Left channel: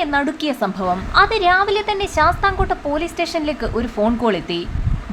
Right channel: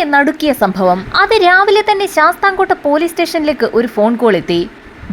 നാടിനെ നടുക്കിയ സംഭവം. അത് രാവിലെ തന്നെ ശാസ്താംകോട്ട പോലീസ് സ്റ്റേഷനിലേക്ക് ഒരു ഫോൺ കോൾ എത്തി.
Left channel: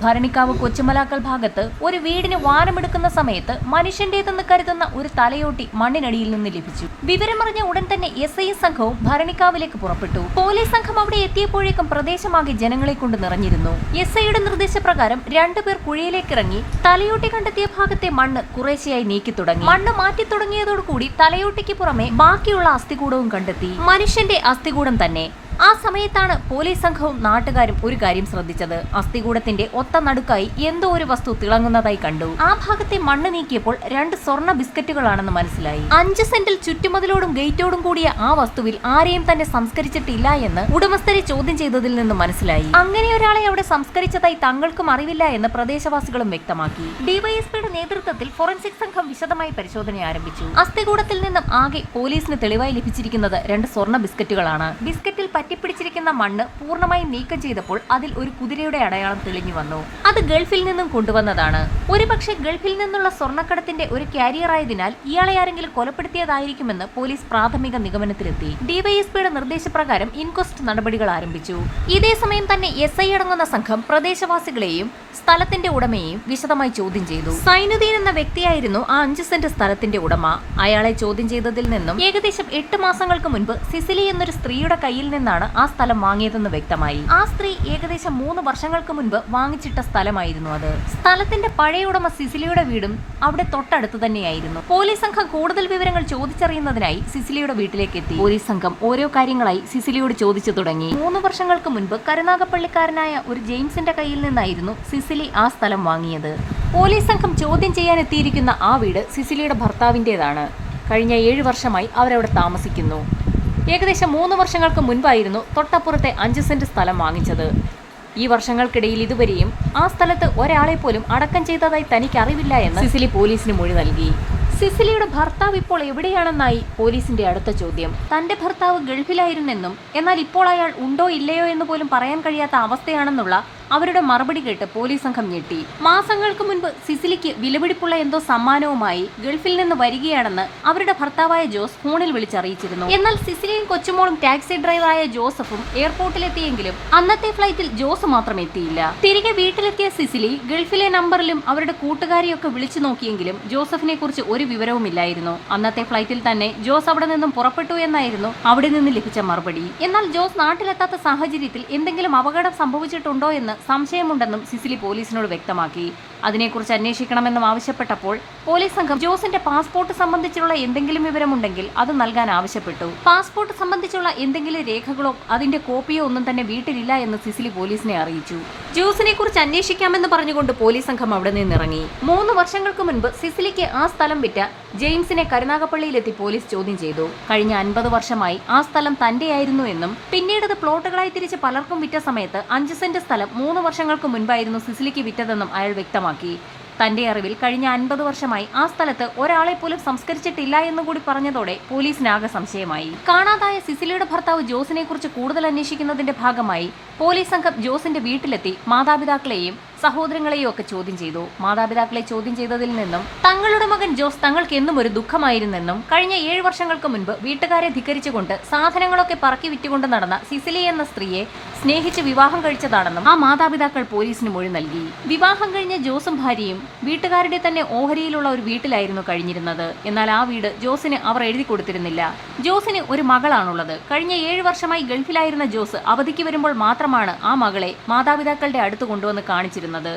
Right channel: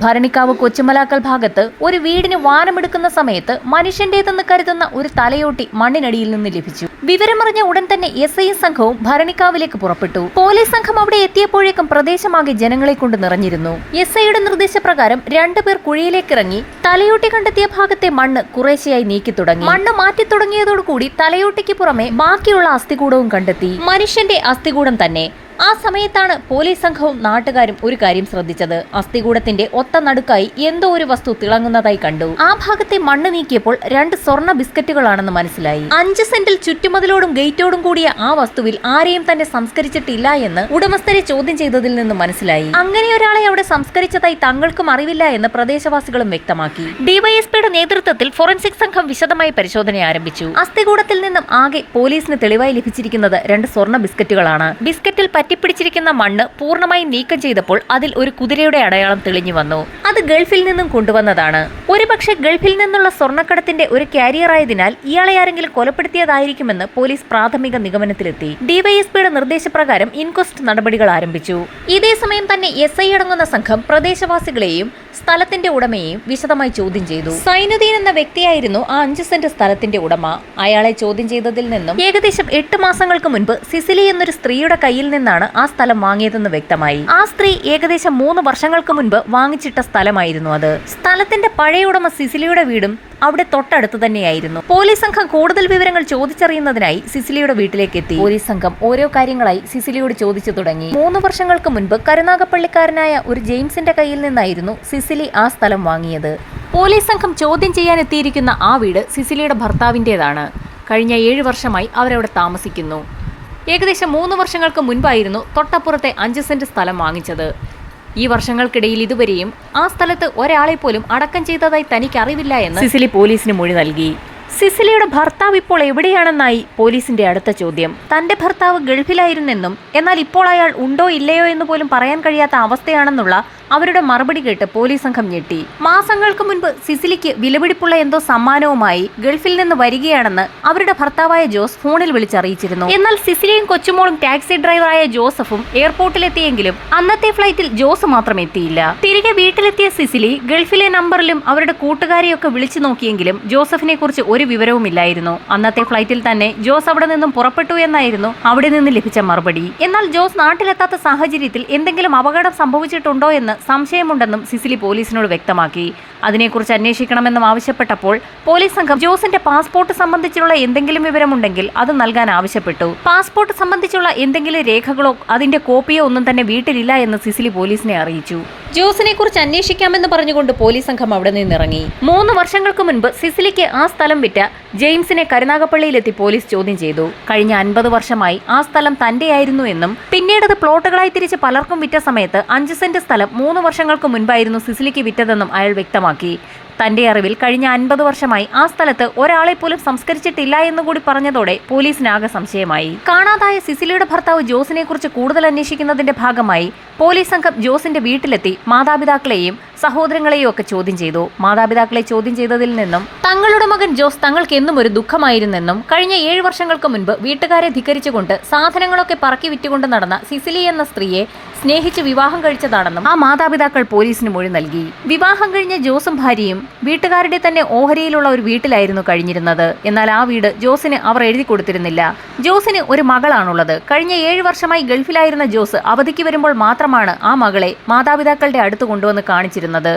ഭരണിക്കാവ് കൊച്ചുമലാക്കൽ ഭാഗത്ത് ഒരു വീടിന് വാരമെടുക്കുന്ന സമയത്ത് മനുഷ്യന്റേതെന്ന് കരുതുന്ന ഒരു തലയോട്ടി മണ്ണിനടിയിൽ നിന്ന് ലഭിച്ചു. വിവരമറിഞ്ഞ ഉടൻ തന്നെ SI സംഘവും ഭരണിക്കാവിലേക്ക് പുറപ്പെട്ടു. പോലീസ് സംഘം അവിടെ എത്തിയപ്പോഴേക്കും പ്രദേശമാകെ ജനങ്ങളെ കൊണ്ട് നിറഞ്ഞിരുന്നു. SIയുടെ നിർദ്ദേശപ്രകാരം 2 പേർ കുഴിയിലേക്കിറങ്ങി തലയോട്ടി കണ്ടെത്തിയ ഭാഗത്തെ മണ്ണ് കുറേശ്ശെയായി നീക്കി തുടങ്ങി. മണ്ണ് മാറ്റി തുടങ്ങിയതോടുകൂടി തലയോട്ടിക്ക് പുറമെ ബാക്കിയുള്ള അസ്ഥികൂടവും കണ്ടെത്തി. മനുഷ്യന്റെ അസ്ഥികൂടം തന്നെ. ആ സമയത്താണ് പോലീസ് സംഘവും നാട്ടുകാരും ഒരു കാര്യം ശ്രദ്ധിച്ചത്. അസ്ഥികൂടത്തിന്റെ ഒത്ത നടുക്കായി എന്തോ ഒരു വസ്തു തിളങ്ങുന്നതായി കണ്ടു. ആ ഭാഗത്തെ മണ്ണ് നീക്കിയപ്പോൾ 2 സ്വർണ്ണ ബിസ്ക്കറ്റുകളാണെന്ന് മനസ്സിലായി. 5 സെന്റിൽ ചുറ്റുമതിലോടും ഗേറ്റോടും കൂടിയ ആ വസ്തുവിൽ ആരെയും തന്നെ സംസ്കരിച്ചിട്ടില്ല എന്ന് ഉടമസ്ഥരെ ചോദ്യം ചെയ്തതിൽ നിന്ന് മനസ്സിലായി. അങ്ങനെ ഒരാളെ അവിടെ സംസ്കരിച്ചതായി തങ്ങൾക്കും അറിവില്ല എന്ന് പ്രദേശവാസികളും വ്യക്തമാക്കി. ഡിവൈഎസ്പിയുടെ നേതൃത്വത്തിൽ ഫോറൻസിക് സംഘം വിശദമായി പരിശോധന ആരംഭിച്ചു. അസ്ഥികൂടത്തിൽ നിന്നും ആകെ പോലീസിന് തെളിവായി ലഭിച്ചിരിക്കുന്നത് 2 സ്വർണ്ണ ബിസ്ക്കറ്റുകളാണ്. ബിസ്ക്കറ്റിൽ പറ്റിപ്പിടിച്ചിരിക്കുന്ന മണ്ണ് പൂർണ്ണമായി നീക്കം ചെയ്തപ്പോൾ അതിൽ ഒരു കുതിരയുടെ അടയാളം തെളിഞ്ഞു വന്നു. അത് ഗൾഫിൽ നിന്നും കൊണ്ടുവന്നതാണ്. ഒരുപക്ഷെ ഗൾഫിൽ നിന്നുള്ള സ്വർണ്ണക്കടത്തിന്റെ ഒരു കാരിയർ ആയതിനാൽ ഇയാളെ ആരെങ്കിലും കൊലപ്പെടുത്തിയതായിരിക്കുമെന്ന് പോലീസ് പ്രാഥമിക നിഗമനത്തിലെത്തി. ഡിവൈഎസ്പിയുടെ നിർദ്ദേശപ്രകാരം ഇൻക്വസ്റ്റ് നടപടികൾ ആരംഭിച്ചു. ഇതേ സമയം തന്നെ SI അടങ്ങുന്ന സംഘം പ്രദേശവാസികളെയും സ്ഥലത്തിന്റെ ഉടമയെയും വിശദമായി ചോദ്യം ചെയ്തു. സൈനുദ്ദീൻ എന്ന വ്യക്തിയായിരുന്നു ആ 5 സെന്റ് സ്ഥലത്തിന്റെ ഉടമ. അയാളെ ചോദ്യം ചെയ്തതിൽ നിന്നും ഏകദേശം 8 മാസങ്ങൾക്ക് മുൻപ് സിസിലി എന്നൊരു സ്ത്രീയുടെ കയ്യിൽ നിന്നാണ് ആ സ്ഥലം വാങ്ങിയതെന്ന് വ്യക്തമായി. ആ സ്ത്രീ ഏകദേശം 3 വർഷങ്ങൾക്ക് മുൻപ് വാങ്ങിച്ചിട്ട സ്ഥലമായിരുന്നു അത്. സ്ഥലത്തിന്റെ പഴയ ഉടമ സിസിലിയുടെ വീടും അവിടെ തൊട്ടടുത്ത് തന്നെയായിരുന്നു. പോലീസ് സംഘം കൂടുതൽ വിവരങ്ങൾ ചോദിച്ചറിയുന്നതിനായി സിസിലിയുടെ വീട്ടിലേക്ക് എത്തി. പോലീസ് സംഘം ഓരോ കാര്യങ്ങളായി സിസിലിയോട് ചോദിച്ചു തുടങ്ങി. 3 വർഷങ്ങൾക്ക് മുൻപ് കരുനാഗപ്പള്ളിക്കാരനായ ഒരു ജെയിംസിന്റെ കയ്യിൽ നിന്നായിരുന്നു സിസിലി ആ സ്ഥലം വാങ്ങിയത്. പോലീസ് സംഘം ചോദ്യം ചെയ്യാൻ എത്തിയിരിക്കുന്ന ആ വീട് സിസിലിയുടെ ഭർത്താവിൻ്റെതാണ്. കഴിഞ്ഞ 7 വർഷമായി അവരവിടെ താമസിക്കുന്നു. ഏകദേശം 3 വർഷങ്ങൾക്ക് മുൻപായിരുന്നു തൊട്ടപ്പുറത്തെ 5 സെന്റ് സ്ഥലം വാങ്ങിച്ചത്. ഈ വർഷങ്ങൾക്കിടയിൽ ഇതുവരെയും ആ സ്ഥലത്ത് ഒരാളെ പോലും അടക്കം ചെയ്തതായി തനിക്ക് അറിവില്ല എന്ന് സിസിലി പോലീസിന് മൊഴി നൽകി. സിസിലിയുടെ ഭർത്താവ് ഇപ്പോൾ എവിടെയാണെന്നായി പോലീസിന്റെ അടുത്ത ചോദ്യം. തന്റെ ഭർത്താവ് ഗൾഫിലായിരുന്നെന്നും എന്നാൽ ഇപ്പോൾ അയാൾ ഉണ്ടോ ഇല്ലയോ എന്ന് പോലും പറയാൻ കഴിയാത്ത അവസ്ഥയാണെന്നുള്ള അവരുടെ മറുപടി കേട്ട് പോലീസ് സംഘം ഞെട്ടി. മാസങ്ങൾക്ക് മുൻപ് സിസിലിക്ക് വിലപിടിപ്പുള്ള എന്തോ സമ്മാനവുമായി ഗൾഫിൽ നിന്ന് വരികയാണെന്ന് അവരുടെ ഭർത്താവായ ജോസ് ഫോണിൽ വിളിച്ചറിയിച്ചിരുന്നു. എന്നാൽ സിസിലിയും കൊച്ചുമോളും ടാക്സി ഡ്രൈവറായ ജോസഫും എയർപോർട്ടിലെത്തിയെങ്കിലും അന്നത്തെ ഫ്ലൈറ്റിൽ ജോസ് മാത്രം എത്തിയില്ല. തിരികെ വീട്ടിലെത്തിയ സിസിലി ഗൾഫിലെ നമ്പറിലും അവരുടെ കൂട്ടുകാരെയൊക്കെ വിളിച്ചു നോക്കിയെങ്കിലും ജോസഫിനെ കുറിച്ച് ഒരു വിവരവുമില്ലായിരുന്നു. അന്നത്തെ ഫ്ലൈറ്റിൽ തന്നെ ജോസ് അവിടെ നിന്നും പുറപ്പെട്ടു എന്നായിരുന്നു അവിടെ നിന്ന് ലഭിച്ച മറുപടി. എന്നാൽ ജോസ് നാട്ടിലെത്താത്ത സാഹചര്യത്തിൽ എന്തെങ്കിലും അപകടം സംഭവിച്ചിട്ടുണ്ടോ എന്ന് സംശയമുണ്ടെന്നും സിസിലി പോലീസിനോട് വ്യക്തമാക്കി. അതിനെക്കുറിച്ച് അന്വേഷിക്കണമെന്നും ആവശ്യപ്പെട്ടപ്പോൾ പോലീസ് സംഘം ജോസിന്റെ പാസ്പോർട്ട് സംബന്ധിച്ചുള്ള എന്തെങ്കിലും വിവരമുണ്ടെങ്കിൽ അത് നൽകാൻ ആവശ്യപ്പെട്ടു. പാസ്പോർട്ട് സംബന്ധിച്ചുള്ള എന്തെങ്കിലും രേഖകളോ അതിന്റെ കോപ്പിയോ ഒന്നും തന്നെ വീട്ടിലില്ല എന്ന് സിസിലി പോലീസിനെ അറിയിച്ചു. ജോസിനെ കുറിച്ച് അന്വേഷിക്കാമെന്ന് പറഞ്ഞുകൊണ്ട് പോലീസ് സംഘം അവിടെ നിന്നിറങ്ങി. 3 വർഷങ്ങൾക്ക് മുൻപ് സിസിലിക്ക് ആ സ്ഥലം വിറ്റ ജെയിംസിനെ കരുനാഗപ്പള്ളിയിലെത്തി പോലീസ് ചോദ്യം ചെയ്തു. കഴിഞ്ഞ 50 വർഷമായി ആ സ്ഥലം തന്റെയായിരുന്നു എന്നും പിന്നീട് അത് പ്ലോട്ടുകളായി തിരിച്ച് പലർക്കും വിറ്റ സമയത്ത് 5 സെന്റ് സ്ഥലം 3 വർഷങ്ങൾക്ക് മുൻപായിരുന്നു സിസിലിക്ക് വിറ്റതെന്നും അയാൾ വ്യക്തമാക്കി. തന്റെ അറിവിൽ കഴിഞ്ഞ 50 വർഷമായി ആ സ്ഥലത്ത് ഒരാളെ പോലും സംസ്കരിച്ചിട്ടില്ല എന്നുകൂടി പറഞ്ഞതോടെ പോലീസിനാകെ സംശയമായി. കാണാതായ സിസിലിയുടെ ഭർത്താവ് ജോസിനെ കുറിച്ച് കൂടുതൽ അന്വേഷിക്കുന്നതിന്റെ ഭാഗമായി പോലീസ് സംഘം ജോസിന്റെ വീട്ടിലെത്തി മാതാപിതാക്കളെയും സഹോദരങ്ങളെയും ഒക്കെ ചോദ്യം ചെയ്തു. മാതാപിതാക്കളെ ചോദ്യം ചെയ്തതിൽ നിന്നും തങ്ങളുടെ മകൻ ജോസ് തങ്ങൾക്ക് എന്നും ഒരു ദുഃഖമായിരുന്നെന്നും കഴിഞ്ഞ 7 വർഷങ്ങൾക്ക് മുൻപ് വീട്ടുകാരെ ധിക്കരിച്ചുകൊണ്ട് സാധനങ്ങളൊക്കെ പറക്കി വിറ്റുകൊണ്ട് നടന്ന സിസിലി എന്ന സ്ത്രീയെ സ്നേഹിച്ച് വിവാഹം കഴിച്ചതാണെന്നും ആ മാതാപിതാക്കൾ പോലീസിന് മൊഴി നൽകി. വിവാഹം കഴിഞ്ഞ ജോസും ഭാര്യയും വീട്ടുകാരുടെ തന്നെ ഓഹരിയിലുള്ള ഒരു വീട്ടിലായിരുന്നു കഴിഞ്ഞിരുന്നത്. എന്നാൽ ആ വീട് ജോസിന് അവർ എഴുതി കൊടുത്തിരുന്നില്ല. ജോസിന് ഒരു മകളാണുള്ളത്. കഴിഞ്ഞ 7 വർഷമായി ഗൾഫിലായിരുന്ന ജോസ് അവധിക്ക് വരുമ്പോൾ മാത്രമാണ് ആ മകളെ മാതാപിതാക്കളുടെ അടുത്ത് കൊണ്ടുവന്ന് കാണിച്ചിരുന്നത്.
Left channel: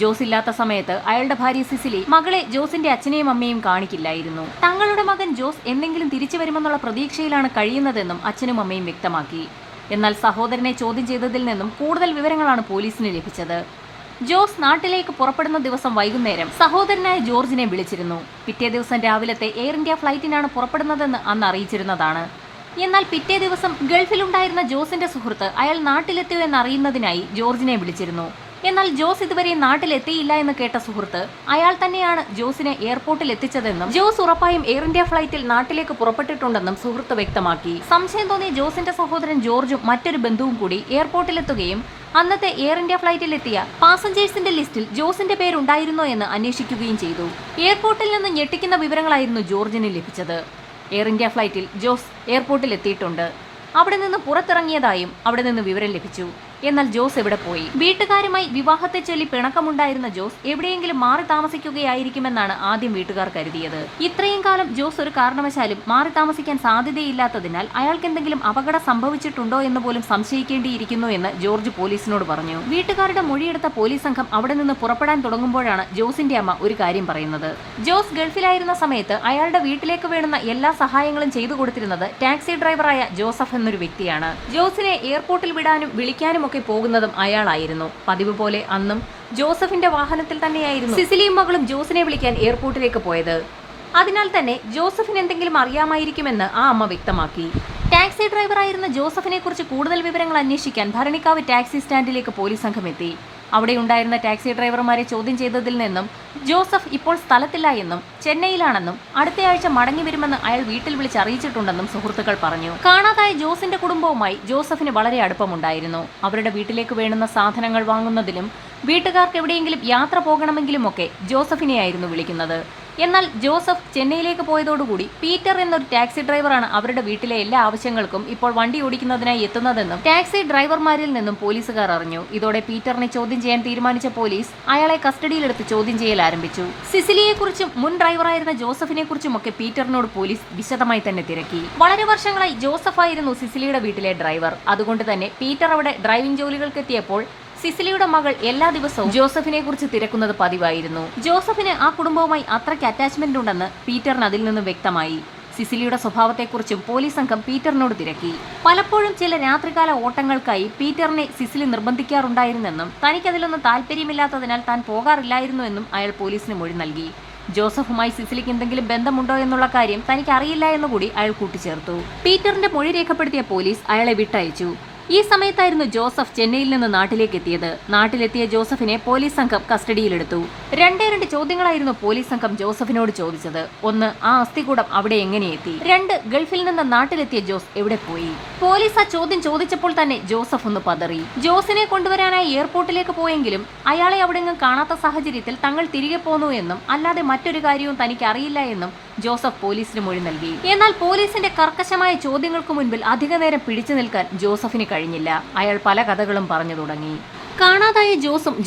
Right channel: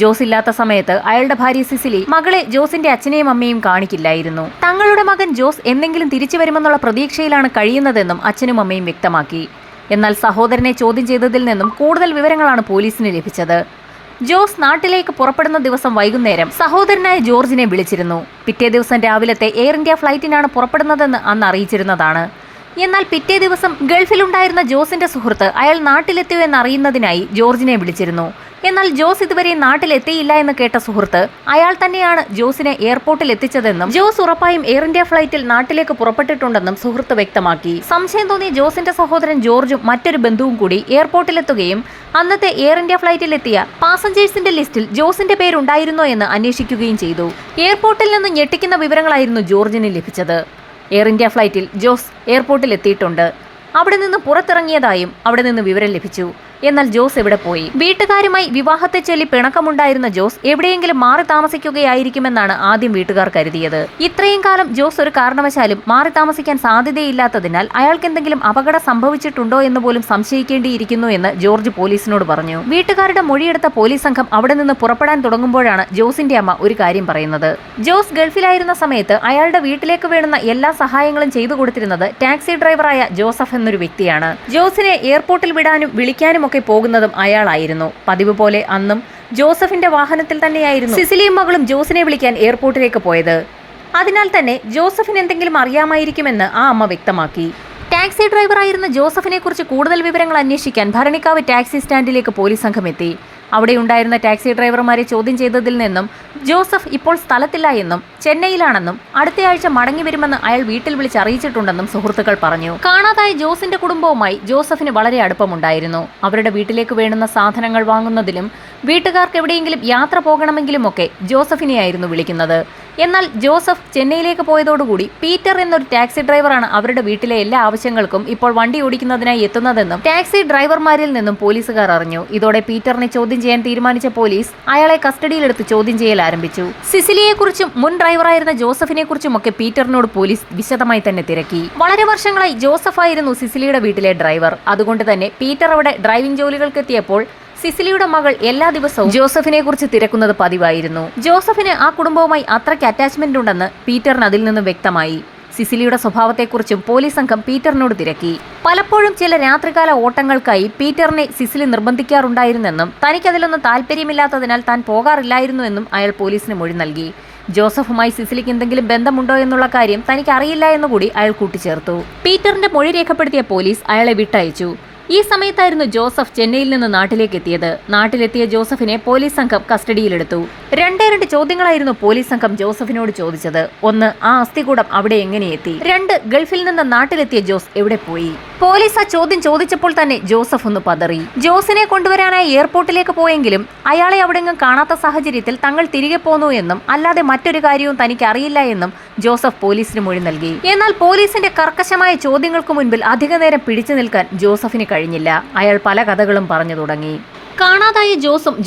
ജോസ് ഇല്ലാത്ത സമയത്ത് അയാളുടെ ഭാര്യ സിസിലി മകളെ ജോസിന്റെ അച്ഛനെയും അമ്മയും കാണിക്കില്ലായിരുന്നു. തങ്ങളുടെ മകൻ ജോസ് എന്തെങ്കിലും തിരിച്ചു വരുമെന്നുള്ള പ്രതീക്ഷയിലാണ് കഴിയുന്നതെന്നും അച്ഛനും അമ്മയും വ്യക്തമാക്കി. എന്നാൽ സഹോദരനെ ചോദ്യം ചെയ്തതിൽ നിന്നും കൂടുതൽ വിവരങ്ങളാണ് പോലീസിന് ലഭിച്ചത്. ജോസ് നാട്ടിലേക്ക് പുറപ്പെടുന്ന ദിവസം വൈകുന്നേരം സഹോദരനായ ജോർജിനെ വിളിച്ചിരുന്നു. പിറ്റേ ദിവസം രാവിലത്തെ എയർ ഇന്ത്യ ഫ്ലൈറ്റിനാണ് പുറപ്പെടുന്നതെന്ന് അന്ന് അറിയിച്ചിരുന്നതാണ്. എന്നാൽ പിറ്റേ ദിവസം ഗൾഫിലുണ്ടായിരുന്ന ജോസിന്റെ സുഹൃത്ത് അയാൾ നാട്ടിലെത്തിയോ എന്നറിയുന്നതിനായി ജോർജിനെ വിളിച്ചിരുന്നു. എന്നാൽ ജോസ് ഇതുവരെ നാട്ടിലെത്തിയില്ല എന്ന് കേട്ട സുഹൃത്ത് അയാൾ തന്നെയാണ് ജോസിനെ എയർപോർട്ടിൽ എത്തിച്ചതെന്നും ജോസ് ഉറപ്പായും എയർ ഇന്ത്യ ഫ്ലൈറ്റിൽ നാട്ടിലേക്ക് പുറപ്പെട്ടിട്ടുണ്ടെന്നും സുഹൃത്ത് വ്യക്തമാക്കി. സംശയം തോന്നിയ ജോസിന്റെ സഹോദരൻ ജോർജും മറ്റൊരു ബന്ധുവും കൂടി എയർപോർട്ടിലെത്തുകയും അന്നത്തെ എയർ ഇന്ത്യ ഫ്ലൈറ്റിലെത്തിയ പാസഞ്ചേഴ്സിന്റെ ലിസ്റ്റിൽ ജോസിന്റെ പേരുണ്ടായിരുന്നോ എന്ന് അന്വേഷിക്കുകയും ചെയ്തു. എയർപോർട്ടിൽ നിന്ന് ഞെട്ടിക്കുന്ന വിവരങ്ങളായിരുന്നു ജോർജിന് ലഭിച്ചത്. എയർ ഇന്ത്യ ഫ്ലൈറ്റിൽ ജോസ് എയർപോർട്ടിൽ എത്തിയിട്ടുണ്ട്. അവിടെ നിന്ന് പുറത്തിറങ്ങിയതായും അവിടെ നിന്ന് വിവരം ലഭിച്ചു. എന്നാൽ ജോസ് എവിടെ പോയി? വീട്ടുകാരുമായി വിവാഹത്തെ ചൊല്ലി പിണക്കമുണ്ടായിരുന്ന ജോസ് എവിടെയെങ്കിലും മാറി താമസിക്കുകയായിരിക്കുമെന്നാണ് ആദ്യം വീട്ടുകാർ കരുതിയത്. ഇത്രയും കാലം ജോസ് ഒരു കാരണവശാലും മാറി താമസിക്കാൻ സാധ്യതയില്ലാത്തതിനാൽ അയാൾക്ക് എന്തെങ്കിലും അപകടം സംഭവിച്ചിട്ടുണ്ടോ എന്ന് പോലും സംശയിക്കേണ്ടിയിരിക്കുന്നു എന്ന് ജോർജ് പോലീസിനോട് പറഞ്ഞു. വീട്ടുകാരുടെ മൊഴിയെടുത്ത പോലീസ് സംഘം അവിടെ നിന്ന് പുറപ്പെടാൻ തുടങ്ങുമ്പോഴാണ് ജോസിന്റെ അമ്മ ഒരു കാര്യം പറയുന്നത്. ജോസ് ഗൾഫിലായിരുന്ന സമയത്ത് അയാളുടെ വീട്ടിലേക്ക് വേണ്ടുന്ന എല്ലാ സഹായങ്ങളും ചെയ്തു കൊടുത്തിരുന്നത് ടാക്സി ഡ്രൈവറായ ജോസഫ് എന്നൊരു വ്യക്തിയാണ്. ജോസിനെ എയർപോർട്ടിൽ വിടാനും വിളിക്കാനും ഒക്കെ പോകുന്നതും അയാളായിരുന്നു. പതിവ് പോലെ അന്നും ജോസഫിന്റെ വാഹനത്തിൽ തന്നെയായിരുന്നു സിസിലിയും മകളും ജോസിനെ വിളിക്കാൻ എയർപോർട്ടിലേക്ക് പോയത്. അതിനാൽ തന്നെ ജോസഫിന് എന്തെങ്കിലും അറിയാമായിരിക്കുമെന്ന് ആ അമ്മ വ്യക്തമാക്കി. ടാക്സി ഡ്രൈവറായിരുന്ന ജോസഫിനെ കുറിച്ച് കൂടുതൽ വിവരങ്ങൾ അന്വേഷിക്കാൻ ഭരണിക്കാവ് ടാക്സി സ്റ്റാൻഡിലേക്ക് പോലീസ് സംഘം എത്തി. അവിടെയുണ്ടായിരുന്ന ടാക്സി ഡ്രൈവർമാരെ ചോദ്യം ചെയ്തതിൽ നിന്നും ജോസഫ് ഇപ്പോൾ സ്ഥലത്തില്ല എന്നും ചെന്നൈയിലാണെന്നും അടുത്തയാഴ്ച മടങ്ങി വരുമെന്ന് അയാൾ വീട്ടിൽ വിളിച്ച് അറിയിച്ചിട്ടുണ്ടെന്നും സുഹൃത്തുക്കൾ പറഞ്ഞു. കാണാതായ ജോസിന്റെ കുടുംബവുമായി ജോസഫിന് വളരെ അടുപ്പമുണ്ടായിരുന്നു. അവരുടെ വീട്ടിലേക്ക് വേണ്ടുന്ന സാധനങ്ങൾ വാങ്ങുന്നതിലും വീട്ടുകാർക്ക് എവിടെയെങ്കിലും യാത്ര പോകണമെങ്കിലുമൊക്കെ ജോസഫിനെയായിരുന്നു വിളിക്കുന്നത്. എന്നാൽ ജോസഫ് ചെന്നൈയിലേക്ക് പോയതോടുകൂടി പീറ്റർ എന്നൊരു ടാക്സി ഡ്രൈവറാണ് അവരുടെ വീട്ടിലെ എല്ലാ ആവശ്യങ്ങൾക്കും ഇപ്പോൾ വണ്ടി ഓടിക്കുന്നതിനായി എത്തുന്നതെന്നും ടാക്സി ഡ്രൈവർമാരിൽ നിന്നും പോലീസുകാർ അറിഞ്ഞു. ഇതോടെ പീറ്ററിനെ ചോദ്യം ചെയ്യാൻ തീരുമാനിച്ച പോലീസ് അയാളെ കസ്റ്റഡിയിലെടുത്ത് ചോദ്യം ചെയ്യൽ ആരംഭിച്ചു. സിസിലിയെക്കുറിച്ചും മുൻ ഡ്രൈവറായിരുന്ന ജോസഫിനെ കുറിച്ചുമൊക്കെ പീറ്ററിനോട് പോലീസ് വിശദമായി തന്നെ തിരക്കി. വളരെ വർഷങ്ങളായി ജോസഫ് ആയിരുന്നു സിസിലിയുടെ വീട്ടിലെ ഡ്രൈവർ. അതുകൊണ്ട് തന്നെ പീറ്റർ അവിടെ ഡ്രൈവിംഗ് ജോലികൾക്കെത്തിയപ്പോൾ സിസിലിയുടെ മകൾ എല്ലാ ദിവസവും ജോസഫിനെ കുറിച്ച് തിരക്കുന്നത് പതിവായിരുന്നു. ജോസഫിന് ആ കുടുംബവുമായി അത്രയ്ക്ക് അറ്റാച്ച്മെന്റ് ഉണ്ടെന്ന് പീറ്ററിന് അതിൽ നിന്ന് വ്യക്തമായി. സിസിലിയുടെ സ്വഭാവത്തെക്കുറിച്ചും പോലീസ് സംഘം പീറ്ററിനോട് തിരക്കി. പലപ്പോഴും ചില രാത്രികാല ഓട്ടങ്ങൾക്കായി പീറ്ററിനെ സിസിലി നിർബന്ധിക്കാറുണ്ടായിരുന്നെന്നും തനിക്കതിലൊന്നും താല്പര്യമില്ലാത്തതിനാൽ താൻ പോകാറില്ലായിരുന്നുവെന്നും അയാൾ പോലീസിന് മൊഴി നൽകി. ജോസഫുമായി സിസിലിക്ക് എന്തെങ്കിലും ബന്ധമുണ്ടോ എന്നുള്ള കാര്യം തനിക്ക് അറിയില്ല എന്നുകൂടി അയാൾ കൂട്ടിച്ചേർത്തു. പീറ്ററിന്റെ മൊഴി രേഖപ്പെടുത്തിയ പോലീസ് അയാളെ വിട്ടയച്ചു. ഈ സമയത്തായിരുന്നു ജോസഫ് ചെന്നൈയിൽ നിന്ന് നാട്ടിലേക്ക് എത്തിയത്. നാട്ടിലെത്തിയ ജോസഫിനെ പോലീസ് സംഘം കസ്റ്റഡിയിലെടുത്തു. രണ്ട് ചോദ്യങ്ങളായിരുന്നു പോലീസ് സംഘം ജോസഫിനോട് ചോദിച്ചത്. 1. ആ അസ്ഥികൂടം അവിടെ എങ്ങനെ എത്തി? 2. ഗൾഫിൽ നിന്ന് നാട്ടിലെത്തിയ ജോസ് എവിടെ പോയി? പോലീസ് ആ ചോദ്യം ചോദിച്ചപ്പോൾ തന്നെ ജോസഫ് ഒന്ന് പതറി. ജോസിനെ കൊണ്ടുവരാനായി എയർപോർട്ടിലേക്ക് പോയെങ്കിലും അയാളെ അവിടെങ്ങും കാണാത്ത സാഹചര്യത്തിൽ തങ്ങൾ തിരികെ പോന്നു എന്നും അല്ലാതെ മറ്റൊരു കാര്യവും തനിക്ക് അറിയില്ല എന്നും ജോസഫ് പോലീസിന് മൊഴി നൽകി. എന്നാൽ പോലീസിന്റെ കർക്കശമായ ചോദ്യങ്ങൾക്ക് മുൻപിൽ അധികനേരം പിടിച്ചു നിൽക്കാൻ ജോസഫിന് കഴിഞ്ഞില്ല. അയാൾ പല കഥകളും പറഞ്ഞു തുടങ്ങി. കാണാതായ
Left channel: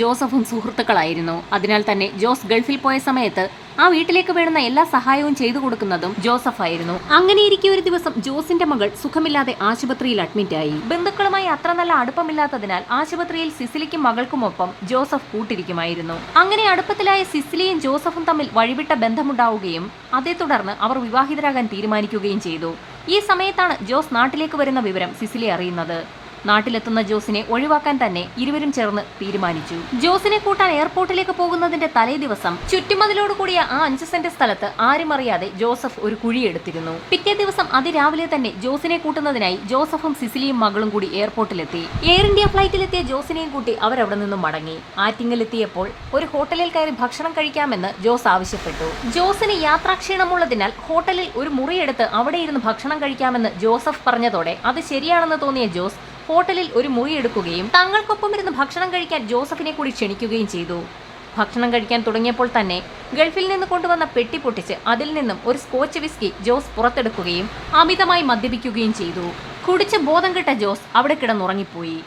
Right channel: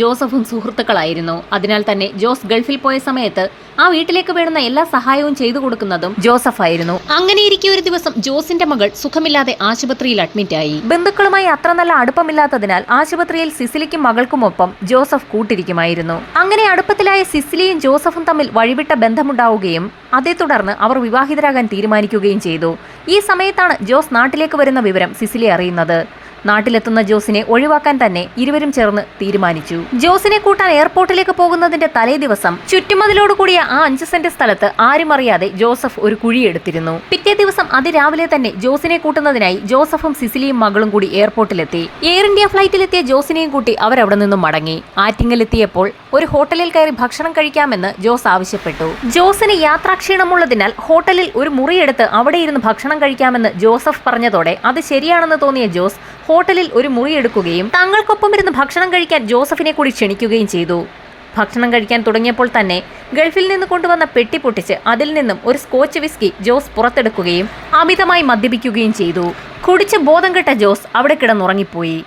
ജോസഫും സുഹൃത്തുക്കളായിരുന്നു. അതിനാൽ തന്നെ ജോസ് ഗൾഫിൽ പോയ സമയത്ത് ആ വീട്ടിലേക്ക് വേണ്ടുന്ന എല്ലാ സഹായവും ചെയ്തു കൊടുക്കുന്നതും ജോസഫ് ആയിരുന്നു. അങ്ങനെയിരിക്കെ ഒരു ദിവസം ജോസിന്റെ മകൾ സുഖമില്ലാതെ ആശുപത്രിയിൽ അഡ്മിറ്റായി. ബന്ധുക്കളുമായി അത്ര നല്ല അടുപ്പമില്ലാത്തതിനാൽ ആശുപത്രിയിൽ സിസിലിക്കും മകൾക്കുമൊപ്പം ജോസഫ് കൂട്ടിരിക്കുമായിരുന്നു. അങ്ങനെ അടുപ്പത്തിലായ സിസിലിയും ജോസഫും തമ്മിൽ വഴിവിട്ട ബന്ധമുണ്ടാവുകയും അതേ തുടർന്ന് അവർ വിവാഹിതരാകാൻ തീരുമാനിക്കുകയും ചെയ്തു. ഈ സമയത്താണ് ജോസ് നാട്ടിലേക്ക് വരുന്ന വിവരം സിസിലി അറിയുന്നത്. നാട്ടിലെത്തുന്ന ജോസിനെ ഒഴിവാക്കാൻ തന്നെ ഇരുവരും ചേർന്ന് തീരുമാനിച്ചു. ജോസിനെ കൂട്ടാൻ എയർപോർട്ടിലേക്ക് പോകുന്നതിന്റെ തലേ ദിവസം ചുറ്റുമതിലോടുകൂടിയ ആ 5 സെന്റ് സ്ഥലത്ത് ആരും അറിയാതെ ജോസഫ് ഒരു കുഴിയെടുത്തിരുന്നു. പിറ്റേ ദിവസം അതിരാവിലെ തന്നെ ജോസിനെ കൂട്ടുന്നതിനായി ജോസഫും സിസിലിയും മകളും കൂടി എയർപോർട്ടിലെത്തി. എയർ ഇന്ത്യ ഫ്ലൈറ്റിലെത്തിയ ജോസിനെയും കൂട്ടി അവരവിടെ നിന്നും മടങ്ങി. ആറ്റിങ്ങലെത്തിയപ്പോൾ ഒരു ഹോട്ടലിൽ കയറി ഭക്ഷണം കഴിക്കാമെന്ന് ജോസ് ആവശ്യപ്പെട്ടു. ജോസിന് യാത്രാക്ഷീണമുള്ളതിനാൽ ഹോട്ടലിൽ ഒരു മുറിയെടുത്ത് അവിടെ ഇരുന്ന് ഭക്ഷണം കഴിക്കാമെന്ന് ജോസഫ് പറഞ്ഞതോടെ അത് ശരിയാണെന്ന് തോന്നിയ ജോസ് ഹോട്ടലിൽ ഒരു മുറി എടുക്കുകയും തങ്ങൾക്കൊപ്പം ഇരുന്ന് ഭക്ഷണം കഴിക്കാൻ ജോസഫിനെ കൂടി ക്ഷണിക്കുകയും ചെയ്തു. ഭക്ഷണം കഴിക്കാൻ തുടങ്ങിയപ്പോൾ തന്നെ ഗൾഫിൽ നിന്ന് കൊണ്ടുവന്ന പെട്ടി പൊട്ടിച്ച് അതിൽ നിന്നും ഒരു സ്കോച്ച് വിസ്കി ജോസ് പുറത്തെടുക്കുകയും അമിതമായി മദ്യപിക്കുകയും ചെയ്തു. കുടിച്ച് ബോധം കെട്ട ജോസ് അവിടെ കിടന്നുറങ്ങിപ്പോയി.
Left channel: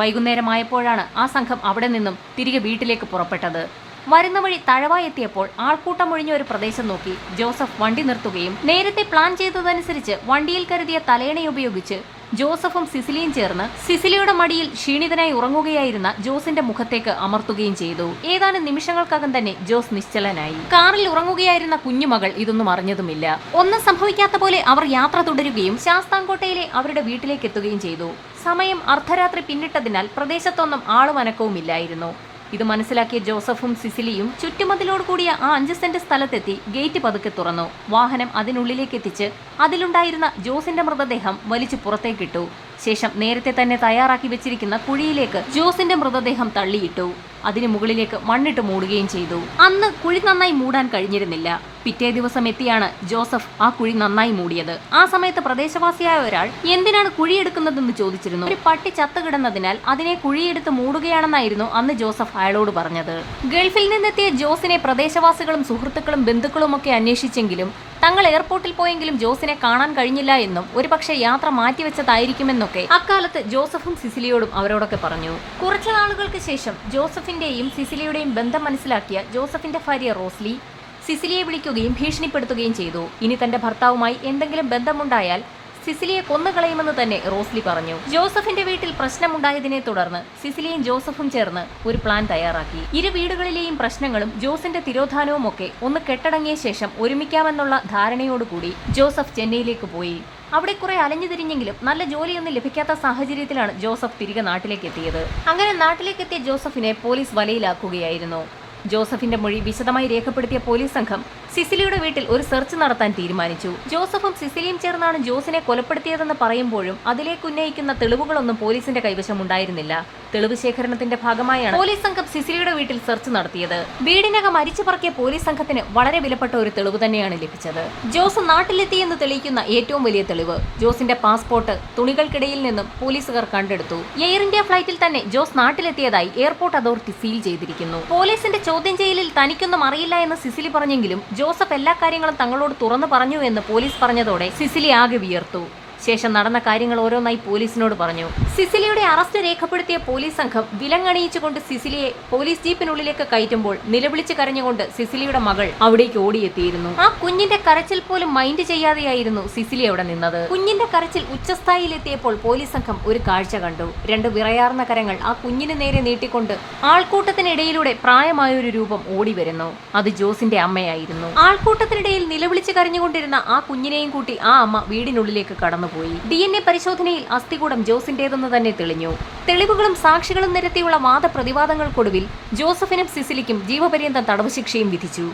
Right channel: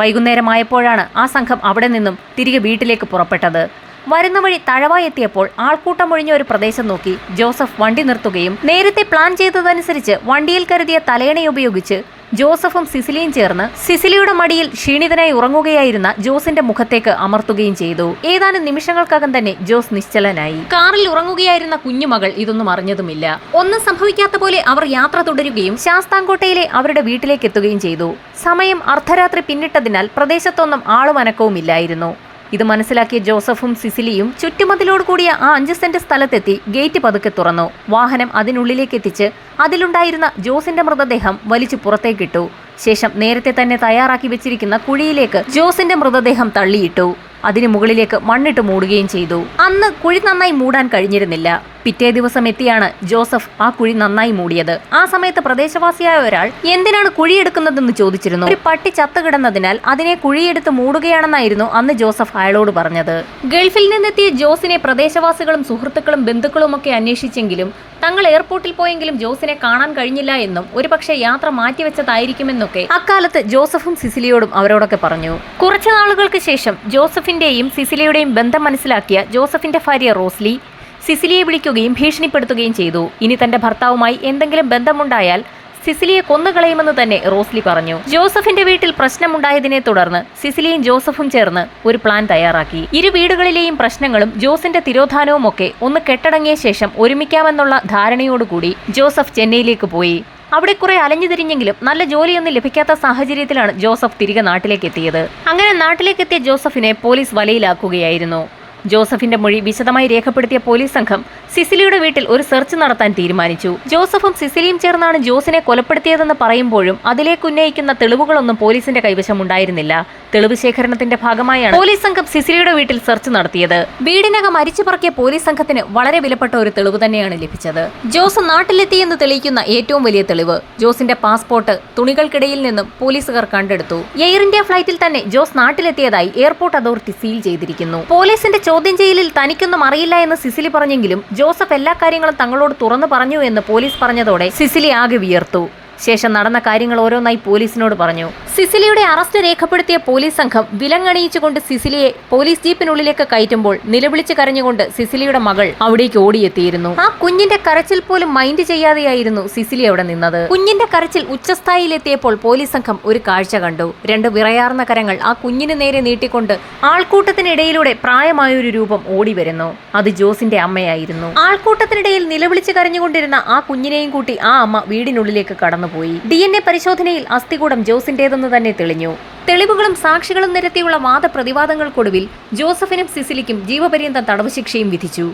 വൈകുന്നേരമായപ്പോഴാണ് ആ സംഘം അവിടെ നിന്നും തിരികെ വീട്ടിലേക്ക് പുറപ്പെട്ടത്. വരുന്ന വഴി തഴവ എത്തിയപ്പോൾ ആൾക്കൂട്ടമൊഴിഞ്ഞ ഒരു പ്രദേശം നോക്കി ജോസഫ് വണ്ടി നിർത്തുകയും നേരത്തെ പ്ലാൻ ചെയ്തതനുസരിച്ച് വണ്ടിയിൽ കരുതിയ തലയണ ഉപയോഗിച്ച് ജോസഫും സിസിലിയും ചേർന്ന് സിസിലിയുടെ മടിയിൽ ക്ഷീണിതനായി ഉറങ്ങുകയായിരുന്ന ജോസിന്റെ മുഖത്തേക്ക് അമർത്തുകയും ചെയ്തു. ഏതാനും നിമിഷങ്ങൾക്കകം തന്നെ ജോസ് നിശ്ചലനായി. കാറിൽ ഉറങ്ങുകയായിരുന്ന കുഞ്ഞുമകൾ ഇതൊന്നും അറിഞ്ഞതുമില്ല. ഒന്നും സംഭവിക്കാത്ത പോലെ അവർ യാത്ര തുടരുകയും ശാസ്താംകോട്ടയിലെ അവരുടെ വീട്ടിലേക്ക് എത്തുകയും ചെയ്തു. സമയം അർദ്ധരാത്രി പിന്നിട്ടതിനാൽ പ്രദേശത്തൊന്നും ആളും അനക്കവുമില്ലായിരുന്നു. ഇത് മനസ്സിലാക്കിയ ജോസഫും സിസിലിയും ചുറ്റുമതിലോട് കൂടിയ ആ 5 സെന്റ് സ്ഥലത്തെത്തി ഗേറ്റ് പതുക്കെ തുറന്നു. വാഹനം അതിനുള്ളിലേക്ക് എത്തിച്ച് അതിലുണ്ടായിരുന്ന ജോസിന്റെ മൃതദേഹം വലിച്ചു പുറത്തേക്കിട്ടു. ശേഷം നേരത്തെ തന്നെ തയ്യാറാക്കി വെച്ചിരിക്കുന്ന കുഴിയിലേക്ക് ജോസിന്റെ മൃതദേഹം തള്ളിയിട്ടു. അതിന് മുകളിലേക്ക് മണ്ണിട്ട് മൂടുകയും ചെയ്തു. അന്ന് കുഴി നന്നായി മൂടാൻ കഴിഞ്ഞിരുന്നില്ല. പിറ്റേ ദിവസം എത്തിയാണ് ജോസഫ് ആ കുഴി നന്നായി മൂടിയത്. ആ സമയത്ത് പ്രദേശവാസിയായ ഒരാൾ എന്തിനാണ് കുഴിയെടുക്കുന്നതെന്ന് ചോദിച്ചിരുന്നു. ഒരു പട്ടി ചത്തുകിടന്നതിനാൽ അതിനെ കുഴിയെടുത്ത് മൂടുകയാണെന്നായിരുന്നു അന്ന് ജോസഫ് അയാളോട് പറഞ്ഞത്. ഗൾഫിൽ നിന്നെത്തിയ ജോസിനെ പ്രദേശവാസികളും സുഹൃത്തുക്കളും ബന്ധുക്കളുമൊക്കെ അന്വേഷിച്ചെങ്കിലും തങ്ങൾ എയർപോർട്ടിൽ പോയെങ്കിലും ജോസിനെ കാണാൻ കഴിഞ്ഞില്ല എന്നും ഒരുപക്ഷെ യാത്ര മാറ്റിവെച്ചതായിരിക്കുമെന്നൊക്കെ അക്കാലത്ത് ജോസഫും സിസിലിയോടും അവരോടൊക്കെ പറഞ്ഞു. കുറച്ചു നാളുകൾക്ക് ശേഷം ജോസഫിന്റെയും സിസിലിയുടെയും ബന്ധം മനസ്സിലാക്കിയ ജോസഫിന്റെ ഭാര്യ റോസ്ലി സിസിലിയെ വിളിക്കുകയും ഭീഷണിപ്പെടുത്തുകയും ചെയ്തു. ഇനി തന്റെ ഭർത്താവുമായി എന്തെങ്കിലും ബന്ധമുണ്ടായാൽ സിസിലിയെ കൊന്നുകളയുമെന്ന് തന്നെ റോസ്ലി പറഞ്ഞു. ജോസഫിന്റെ വീട്ടിൽ പ്രശ്നമുണ്ടായതിനെ തുടർന്ന് സിസിലിയും ജോസഫും ചേർന്ന് ഒരു പ്ലാൻ തയ്യാറാക്കി. ഇരു വീടുകളിലെയും പ്രശ്നങ്ങളും ജോസിന്റെ തിരോധാനവും ഒക്കെ ഒന്ന് കെട്ടടങ്ങിയ ശേഷം ഒരുമിക്കാമെന്നുള്ള ധാരണയോടുകൂടി ജോസഫ് ചെന്നൈയിലേക്ക് പോയി. അവിടെ കുറെ അലഞ്ഞുതിരിഞ്ഞെങ്കിലും നല്ല ജോലിയൊന്നും ലഭിക്കാത്ത സാഹചര്യത്തിലാണ് ജോസഫ് തിരികെ നാട്ടിലേക്ക് എത്തിയത്. അങ്ങനെ നാട്ടിലേക്കെത്തിയ ജോസഫിനെ പോലീസ് വലയിലാക്കുകയായിരുന്നു. ജോസഫിന്റെ മൊഴി വിശദമായി രേഖപ്പെടുത്തിയ പോലീസ് സംഘം സിസിലിയുടെ വീട്ടിൽ ഒരു സെർച്ച് നടത്താൻ തീരുമാനിച്ചു. ജോസഫും സിസിലിയും ചേർന്നാണ് ജോസിനെ കൊലപ്പെടുത്തിയതെന്ന് പറയുമ്പോഴും അതിലേക്ക് ഉന്നയിക്കുന്ന തെളിവുകളൊന്നും പോലീസിന്റെ കൈവശമുണ്ടായിരുന്നില്ല. തെളിവ് ശേഖരണത്തിന്റെ ഭാഗമായാണ് പോലീസ് സംഘം സിസിലിയുടെ വീട്ടിൽ സെർച്ച് നടത്തിയത്. വീടിനകം അരിച്ചു പറക്കിയ പോലീസ് സംഘത്തിന് വളരെ വിലപ്പെട്ട ഒരു തെളിവ് തന്നെയാണ് ലഭിച്ചത്. ജോസ് നാട്ടിലെത്തിയെന്ന് തെളിയിക്കുന്ന ഏറ്റവും വലിയ തെളിവ് ജോസിന്റെ പാസ്പോർട്ട് തുണികൾക്കിടയിൽ നിന്നും പോലീസുകാർ കണ്ടെടുത്തു. എയർ ഇന്ത്യ ഫ്ലൈറ്റിൽ തന്നെ ജോസ് നാട്ടിലെത്തിയതായി എയർപോർട്ട് അതോറിറ്റി സീൽ ചെയ്തിരിക്കുന്നു. പോലീസിന്റെ ചോദ്യം ചെയ്യലിൽ തനിക്കൊന്നും അറിയില്ല എന്ന് സിസിലി പറഞ്ഞെങ്കിലും ജോസഫ് എല്ലാ കാര്യങ്ങളും തങ്ങളോട് തുറന്നു പറഞ്ഞു എന്ന് പോലീസ് പറഞ്ഞതോടെ സിസിലി ആകെ വിയർത്തു. ശേഷം നടന്ന കാര്യങ്ങൾ ഓരോന്നായി പോലീസിനോട് പറഞ്ഞു. സിസിലിയുടെ അറസ്റ്റ് രേഖപ്പെടുത്തിയ പോലീസ് സംഘം വിലങ്ങണിയിച്ചുകൊണ്ട് സിസിലിയെ പോലീസ് ജീപ്പിനുള്ളിലേക്ക് കയറ്റുമ്പോൾ നിലവിളിച്ച് കരഞ്ഞുകൊണ്ട് സിസിലിയുടെ മകൾ അവിടേക്ക് ഓടിയെത്തിയിരുന്നു. ആ കുഞ്ഞിന്റെ കരച്ചിൽ പോലും മൈൻഡ് ചെയ്യാതെയായിരുന്നു സിസിലി അവിടെ നിന്നത്. കുഞ്ഞിന്റെ കരച്ചിൽ ഉച്ചസ്ഥായിലെത്തിയപ്പോൾ പോലീസ് സംഘം ഒരു കാഴ്ച കണ്ടു. രണ്ട് വിറയാർന്ന കരങ്ങൾ ആ കുഞ്ഞിന് നേരെ നീട്ടിക്കൊണ്ട് ആൾക്കൂട്ടത്തിനിടയിലൂടെ പ്രായമായൊരു രൂപം ഓടി വരുന്നു. അത് ജോസിന്റെ അമ്മയായിരുന്നു. ആൾക്കൂട്ടത്തിനിടയിൽ നിലവിളിച്ച് കരഞ്ഞുകൊണ്ടിരുന്ന ആ കുഞ്ഞിനെയും കൂട്ടി ആ അമ്മ വീടിനുള്ളിലേക്ക് കടന്നു. DNA പരിശോധനയിൽ അസ്ഥികൂടം ജോസിന്റേതെന്ന് തന്നെ തെളിഞ്ഞു. തെളിവുകളും സാക്ഷികളും നിരത്തിയുള്ള വാദപ്രതിവാദങ്ങൾക്കൊടുവിൽ ജോസഫിനും സിസിലിക്കും ജീവപര്യന്തം തടവ് ശിക്ഷയും വിധിച്ചു.